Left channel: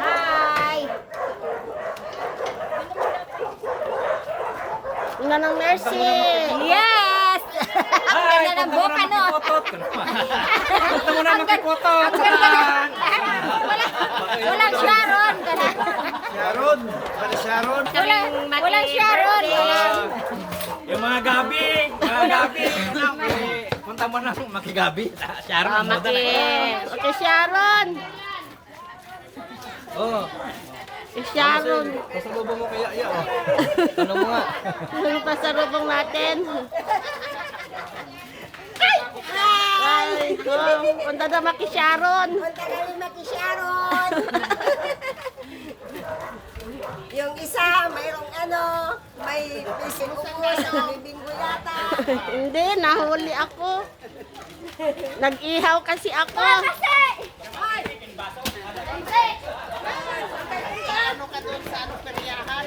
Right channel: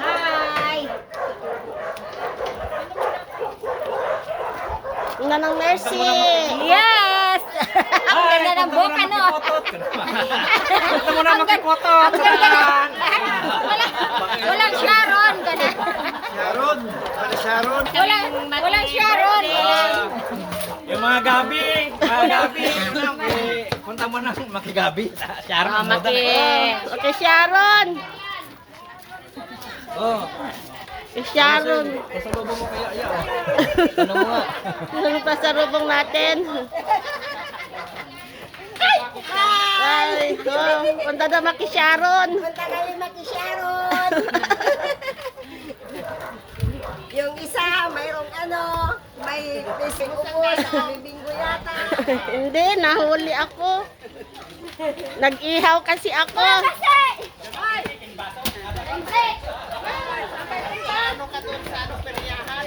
Hi! Una ng Mercy. Yes! Ang ganda ng boka, no? Gusto mo na makipotot. Walang Sharon. Sharon. Para Sharon. Walang Sharon. Yung mga gabi. Mga gabi. Punta mo na makigabi. Sharon ang moda na. Okay, Sharon. Oh. Si Sharon. Pasalubong mo kaya iya oh. Ano mo nga? Ano pa sa rubong natin? Ay, ko. Punta na maki Sharon. Punta kami maki Sharon. Yung isa, mayroong may fishing ko sa bibinggo yata. Hindi, nahuli ako. Nag-ihaw kasi ako. Ano ka doon sa peryahan?